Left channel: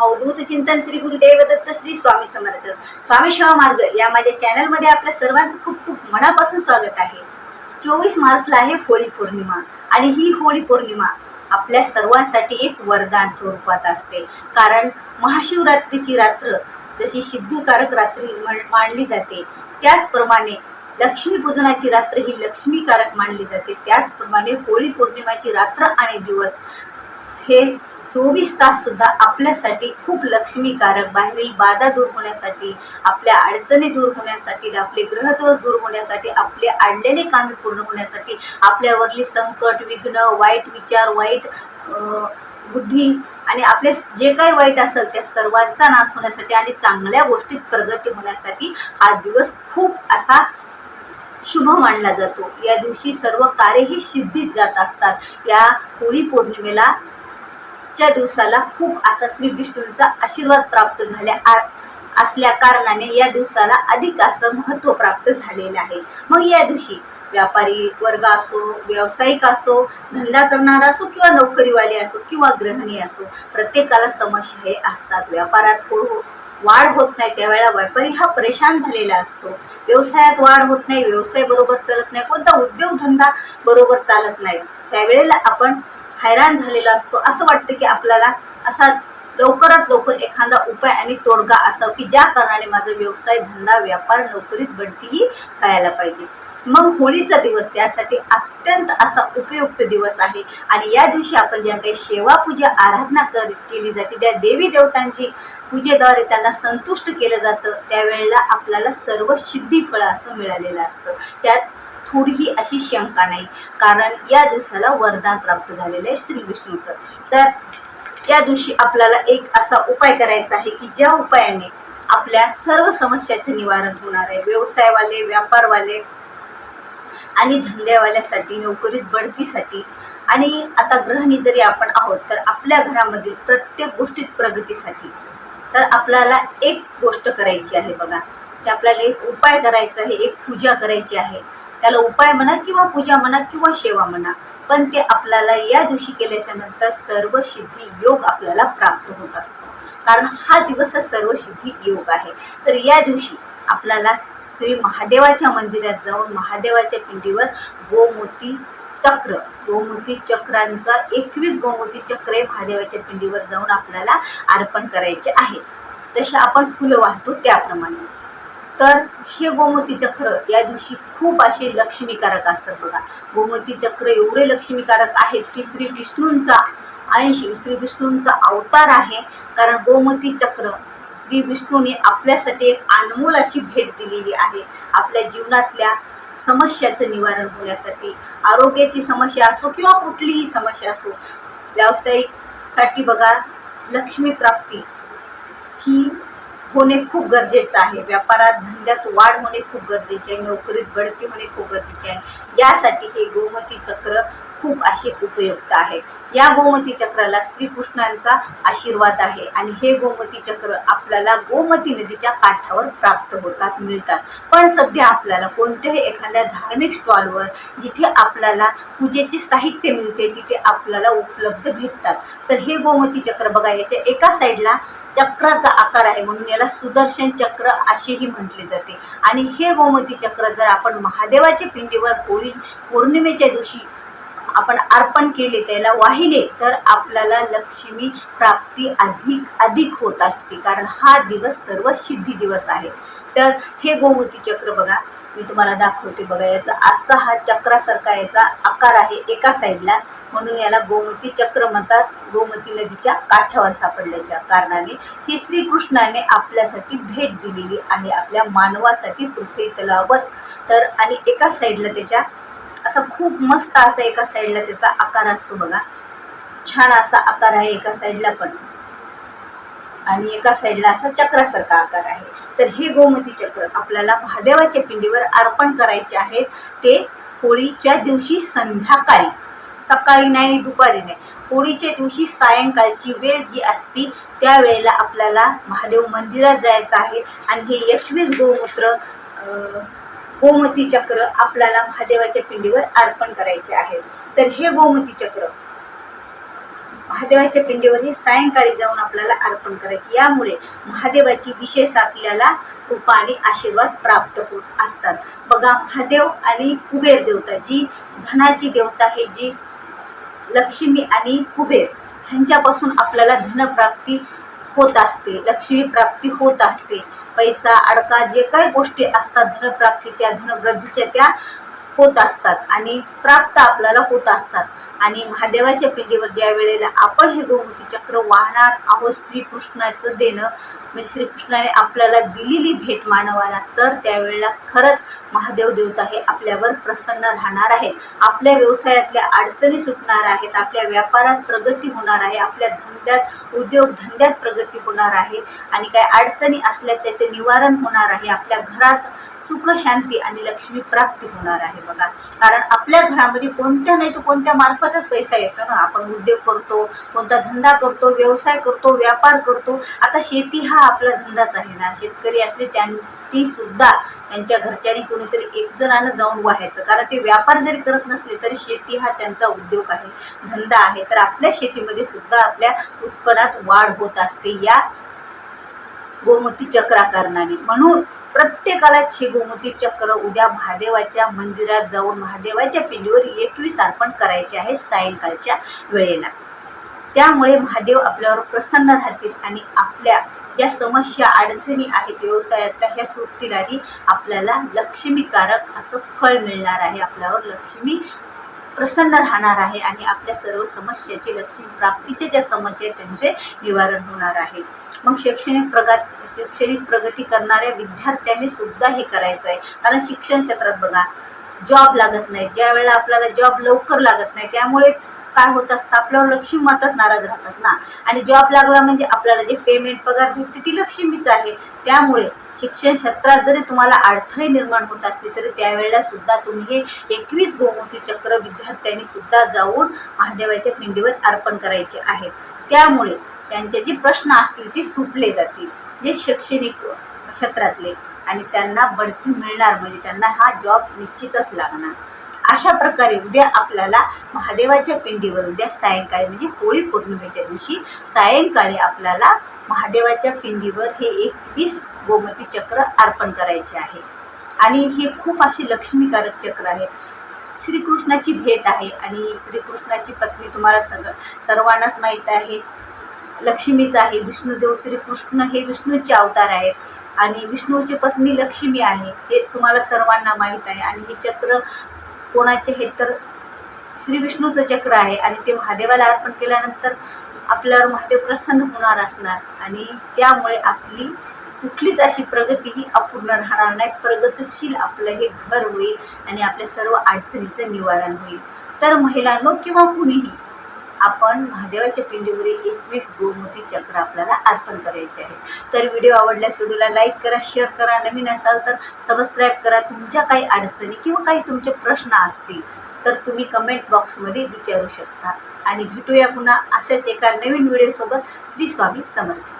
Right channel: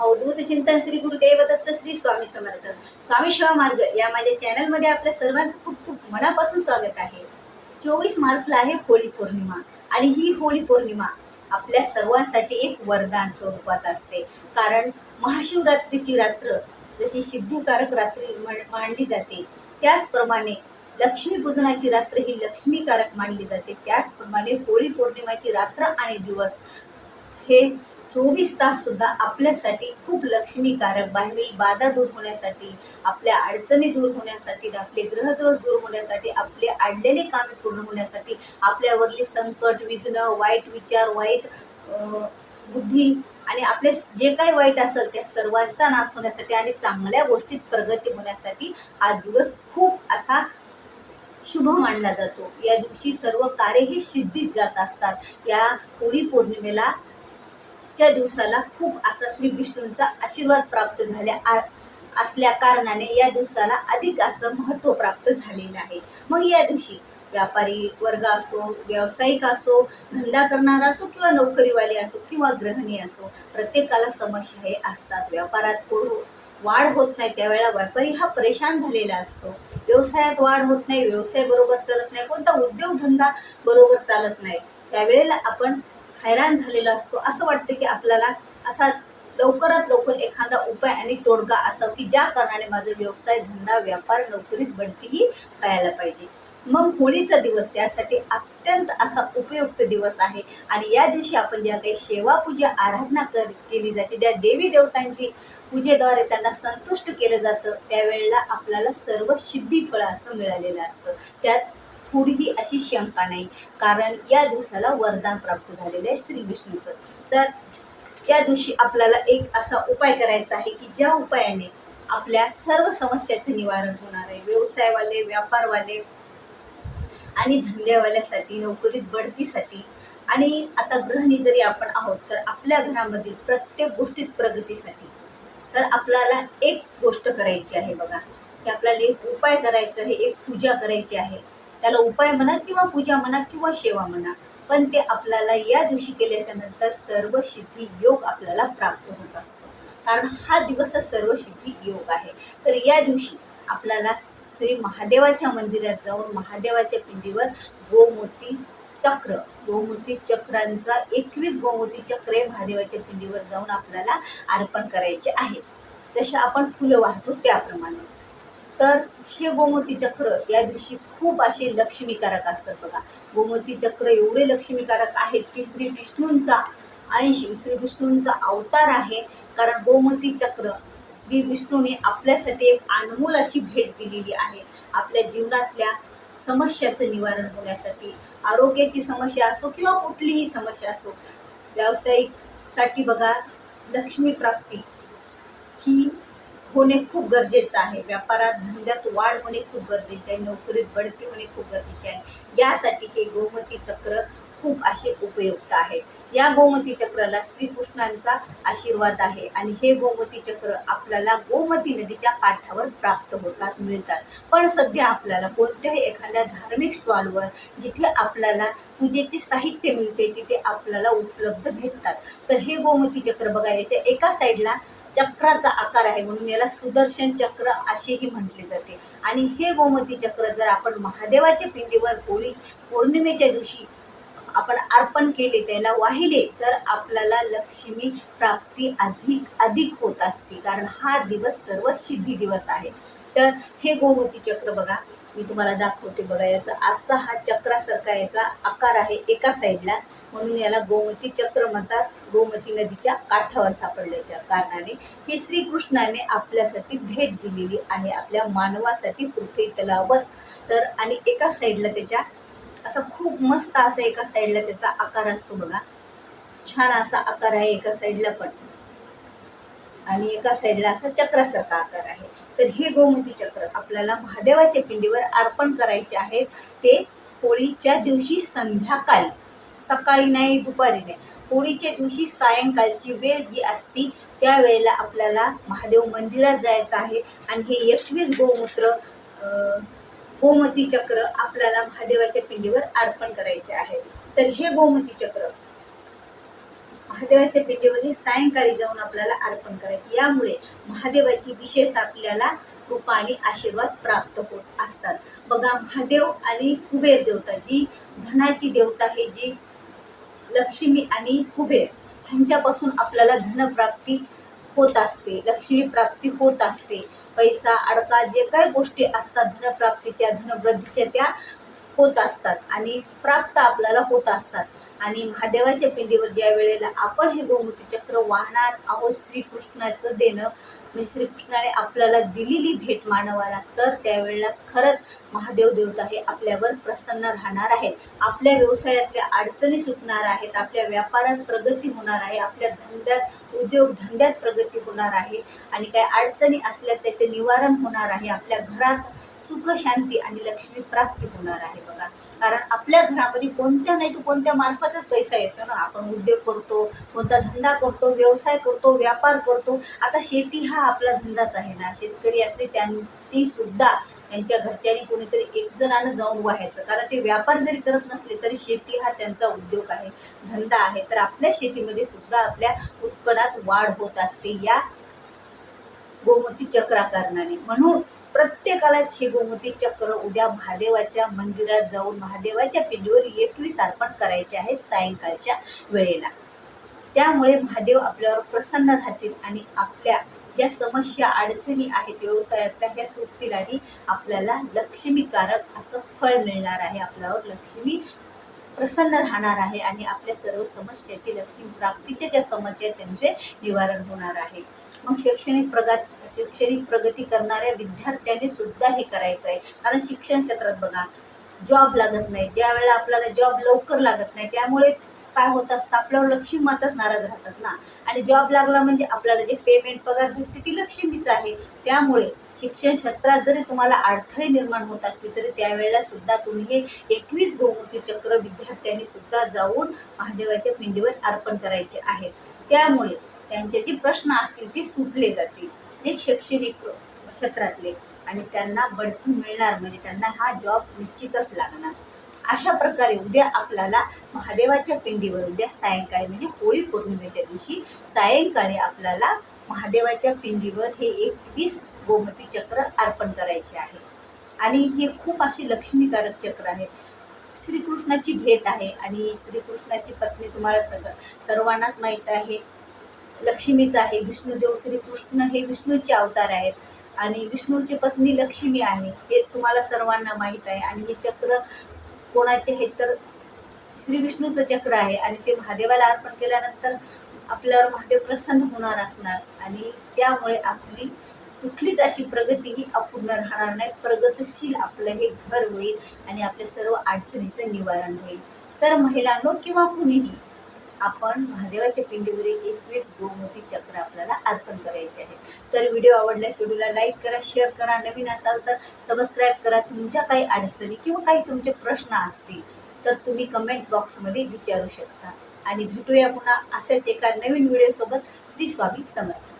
अवधूत चिंतन श्री गुरुदेव दत्त श्री स्वामी समर्थ स्वामी शिवा मार्ग या माझ्या चॅनल मध्ये आपल्या सर्वांचं खूप खूप मनापासून स्वागत आहे। 24 मार्चला आहे होळी पौर्णिमा आणि ही होळी पौर्णिमा आपल्या सर्वांसाठी एक वरदान स्वरूपात असते। कारण महाशिवरात्रीची रात्र जशी सिद्धिकारक रात्री मानली जाते, त्याचप्रमाणे लक्ष्मी पूजनाची रात्र ही लक्ष्मीकारक मानली जाते। त्याचप्रमाणे होळी पौर्णिमाची रात्र आणि दिवस हे 24 तास सुद्धा आपल्यासाठी खूप लक्ष्मीकारक, बाहेरील बाधा दूर होण्यासाठी, आपल्या अडचणी दूर होण्यासाठी, आपले ग्रहदोष दूर होण्यासाठी, आपले अडलेले कामे पूर्ण होण्यासाठी, आपल्यावरली संकट, विघ्न, वाईट विचार, वाईट बुद्धी आणि आपले जे काही वाईट असेल त्या सर्वांचा नाश होण्यासाठी आणि चांगल्या गोष्टीत प्रगती होण्यासाठी हा दिवस खूप असा शुभ मानला जातो। या दिवशी सर्व कार्य ही सिद्धीत जात असतात। या होळी पौर्णिमेला च्या दिवसाला खूप असा श्री विष्णूंचा आशीर्वाद प्राप्त झाल्या असल्या कारणाने या दिवसाला अधिक असं महत्त्व प्राप्त झालेलं आहे। मग या दिवशी व्यापारी वर्ग असो, व्यावसायिक असो, धंदा करणारा असो किंवा नोकरीवाले असो किंवा गृहिणी असो, प्रत्येकाला समस्या हे असतात। व्यापारात वाढ होत नाही त्यावेळेला व्यापारी हा परेशान झालेला असतो। व्यवसायात वाढ होत नाही, व्यवसाय बरोबर चालत नाही, कोणता उद्योगधंदा बरोबर चालत नाही, त्यावेळेला आपण हैराण झालेला असतो। असं वाटतं की आपल्याला असा लवकरात लवकर एखादा उपाय आणि तोडगा असावा की ज्या कारणाने माझा व्यवसाय, धंदा, व्यापार, नोकरीत बढतीही व्हायला पाहिजे। मग होळीचा दिवस त्यासाठी अत्यंत असा उपयुक्त दिवस आहे आणि या दिवशी आपण ज्या काही सेवा पूजा आराधना केली जाते, त्या देवी देवतांची पूजेद्वारे त्यांना संतुष्ट केलं जातं, त्यावेळेला आपल्याला सर्व सिद्धी फळ असं मिळालेलं असतं। त्यात थोडीही अशी शंका नाही, कारण या दिवसाला वरदान प्राप्त झालेलं आहे श्री विष्णूचं। तर या दिवशी आपल्याला एक असा उपाय करायचा आहे की ज्या उपायाने आपल्या सर्व समस्याचे निवारण होणार आहे। व्यवसायवाले, व्यापारवाले आणि धंद्यावाल्यासाठी, नोकरीत बढतीसाठी आणि आता गृहिणी जरी आपण आहोत तर आपल्या घरामधील प्रत्येक गोष्टीत प्रगतीसाठी तर आपल्याला एक गोष्ट करायची आहे बघा, की आपल्याला एक उपाय करायचा आहे, एक पूजा करायची आहे। त्याला उपाय म्हणा किंवा पूजा म्हणा किंवा सेवा म्हणा, पण ते आपल्याला या दिवशी केल्याच्या नंतर सर्व सिद्धी योग आपल्याला प्राप्त होत असतो। कारण हा दिवस सर्व सिद्धी योग आहे। तर या दिवशी आपल्याला श्री महादेवाच्या मंदिरात जाऊन महादेवाच्या पिंडीवर गोमोती चक्रांचा 21 गोमोती चक्रे महादेवाच्या पिंडीवर जाऊन आपल्याला अर्पण करायचे आहेत। जसे आपण फुलं वाहतो त्याप्रमाणे। तर हे गोमती चक्र या दिवशी खूप असे लक्ष्मीकारक असतात बघा। गोमती चक्र एवढे लक्ष्मीकारक आहेत की श्री विष्णूंचा अंश, श्री विष्णूंचा अवतार आहे। कारण गोमती चक्र श्री विष्णूने आपल्यासाठी एक अनमोल अशी भेट दिलेली आहे। आपल्या जीवनातल्या समस्याचं निवारण होण्यासाठी, आरोग्याची समस्या असो किंवा कुठलीही समस्या असो, व्यावसायिकसाठी बघा लक्ष्मी प्राप्ती ही होणे खूप गरजेचं आहे। व्यापारात, धंद्यात वाढ होणे खूप गरजेचे आहे, नोकरीत बढती होणे खूप गरजेचे आहे। यासाठी हे गोमती चक्र खूप असे उपयुक्त आहे। या गोमती चक्राला श्रीकृष्णांचा आशीर्वाद आहे आणि हे गोमती चक्र आपल्याला गोमती नदीच्या काठावर प्राप्त होतात, मिळतात। पण सध्या आपल्याला कोणत्याही एखाद्या धार्मिक स्टॉलवर जिथे आपल्याला पूजेचे साहित्य मिळते तिथे आपल्याला उपलब्ध भेटतात। तर हे गोमती चक्र बघा, याच्या एका साईडला चक्राचा आकार आहे म्हणून याला सुदर्शन चक्र असेही म्हटले जाते। आणि हे गोमती चक्र जर आपण महादेवाच्या पिंडीवर होळी पौर्णिमेच्या दिवशी आपण अर्पण केले, त्याला वाहिले, तर आपल्याला लक्ष्मी प्राप्ती अधिक होत असते। कारण हा दिवस सर्व सिद्धी दिवस आहे। तर हे गोमती चक्र बघा, मी तुम्हाला दाखवते बघा, याचा असा हा चक्रासारखा याचा आकार आहे एका साईडला, म्हणून याला गोमती चक्र म्हणतात। गोमती नदीच्या काठावर सापडल्याच्या कारणाने ही श्रीकृष्णाने आपल्यासाठी भेट दिलेली आहे, आपल्या मानवासाठी पृथ्वी तलावर। तर आणि एका साईडला त्याच्या असा खूप मस्त असा एका साईडला त्याचा आकार असतो बघा, छान असा आकार आहे एका साईडला पण, आणि एका साईडला असा चक्रासारखा आकार आहे। तर हे गोमती चक्र आपल्याला महादेवाच्या पिंडीवर अर्पण करायचे आहेत। ते होळीच्या दिवशी संध्याकाळी, सकाळी नाही, दुपारी नाही, होळीच्या दिवशी सायंकाळची वेळ जी असती त्यावेळेला आपल्याला महादेव मंदिरात जायचं आहे आणि हे 21 गोमती चक्र आपल्याला महादेवाच्या पिंडीवर अर्पण करायचे आहे। तर हे गोमती चक्र महादेवाच्या पिंडीवर हे सायंकाळी जाऊन आपल्याला अर्पण करायचे. यामुळे महादेवाची विशेष आपल्याला कृपा आणि आशीर्वाद प्राप्त होत असतात. बघा, महादेव आणि कुबेर देवता, जी धनाची देवता आहे, जी लक्ष्मी आणि कुबेर ह्यांच्यापासून आपल्याला धनप्राप्ती होत असते, लक्ष्मी प्राप्ती होत असते. पैसा अडका जे काही गोष्टी असतात धनप्राप्तीच्या, धनवृद्धीच्या, त्या होत असतात आणि प्राप्त आपल्याला होत असतात. आणि महादेवाच्या पिंडीवर ज्या वेळेला आपण हे गोमती चक्र वाहणार आहोत, श्रीकृष्णाचं देणं म्हणजे श्रीकृष्णाने आपल्याला दिलेली भेट मानवाला, तर त्यावेळेला खरंच महादेव देवता हे आपल्यावर प्रसन्न राहणार आहे. आपल्या व्यवसायातल्या अडचणी सुटणार आहेत, आपल्या व्यापारात प्रगती होणार आहे, आपल्या धंद्यात उद्योगधंद्यात प्रगती होणार आहे आणि काय अडचणी असल्या त्याचे निवारण होणार आहे. आपल्या घरात सुख शांती आणि लक्ष्मी प्राप्ती होणार आहे. बघा, कारण आपल्या घरामध्ये कोणत्या नाही तर कोणत्या मार्फतच पैसा येतो ना. आपण उद्योग करतो, कोणता धंदा करतो, व्यवसाय करतो, व्यापार करतो. आता शेती हा आपला धंदाच आहे ना. शेतकरी असले ती सुद्धा त्यांच्या घरच्यांनी कोणीतरी एक जणांना जाऊन व्हायचं, कारण ते व्यापार जरी करत नसले तरी शेती हा त्यांचा उद्योग आहे, धंदा आहे. तर आपल्या शेतीमध्ये सुद्धा आपल्या उत्पन्नात वाढ होत असते या गोमती चक्रा कारणाने. म्हणून प्रत्येकालाच हे गोमती चक्र उद्या महादेवाच्या मंदिरात जाऊन महादेवाच्या पिंडीवर 21 अर्पण करायचे आहे सायंकाळच्या वेळेला. त्यामुळे महादेव आपल्यावर प्रसन्न राहतील आणि आपल्या ज्या समस्या अडचणी आहेत व्यवसायातल्या ह्या सुटतील आणि आपल्याला लक्ष्मीकारक असं फळ मिळणार आहे. आपल्यावर लक्ष्मी प्रसन्न राहणार आहे आणि आपल्या सर्व समस्याचे, लक्ष्मी प्राप्तीचे ज्या समस्या आहेत त्यांचे निवारण होणार आहे. मग शैक्षणिक प्रगती करणाऱ्या विद्यार्थ्यांनी सुद्धा हे करायचं आहे. कारण शिक्षण क्षेत्रात बघा, जॉब लागत नाही, ज्या वेळेला आपल्याला जॉब लवकर लागत नाही, त्यामुळे काय होत असतं, आपल्यावर लक्ष्मी माताच नाराज राहतात ना. आणि जॉब लागला म्हणजे आपल्याला जे पेमेंट पगार भेटते ती लक्ष्मीच आहे. त्यामुळे शिक्षण क्षेत्रात जरी तुम्हाला अडथळे निर्माण होत असले तरी त्यावेळेला सुद्धा तुम्ही हे 21 गोमती चक्र विद्यार्थ्यांनी सुद्धा जाऊन महादेवाच्या पिंडीवर अर्पण करायचे आहेत. त्यामुळे त्यांचे जे प्रश्न असतील ते सुटले जातील, जे शैक्षणिक क्षेत्रातले, आणि त्यांना बढती मिळणार, म्हणजे त्यांना हा जॉब निश्चितच लागणार. अशा प्रकारे उद्या आपल्याला महादेवाच्या पिंडीवर उद्या सायंकाळी म्हणजे होळी पौर्णिमेच्या दिवशी सायंकाळी आपल्याला महादेवाच्या पिंडीवर हे 21 गोमती चक्र अर्पण करायचे आहे. आणि हे खूप अशी लक्ष्मीकारक चक्र आहे. श्रीकृष्णाची भेट आहे आणि श्रीकृष्णाची पत्नी तुम्हाला सर्वांनाच माहीत आहे, लक्ष्मीच आहे. विष्णुदेव श्रीकृष्ण हे विष्णूचे अवतार आहेत आणि विष्णूची पत्नी लक्ष्मी आहे, हे तुम्हाला सर्वांना माहीत आहे. आणि हे चक्र कोणाचे हे तर श्री विष्णूचं चक्र आहे आणि ते महादेवाला अर्पण केल्यानंतर आपल्यावर महादेव प्रसन्न होणार असणार आणि त्यामुळे आपली कुठलीच अशी प्रगती ही अपूर्ण राहणार नाही. प्रगतशील आपलं हे घर होईल आणि आपल्या सर्व अडचणीचं निवारण होईल. तर महिलांनो किंवा कुणीही आपण महादेवाच्या पिंडीवर 21 गोमती चक्र आपल्याला अर्पण करायचे आहे. तर व्हिडिओ आवडल्यास व्हिडिओला लाईक करा, शेअर करा, नवीन असाल तर सबस्क्राईब करा. तुमच्या काही अडचणी किंवा काही तुमचे प्रश्न असतील तर तुम्ही कमेंट बॉक्समध्ये विचारू शकता. आणि भेटूया पुन्हा अशाच एका नवीन व्हिडिओसोबत. श्री स्वामी समर्थ.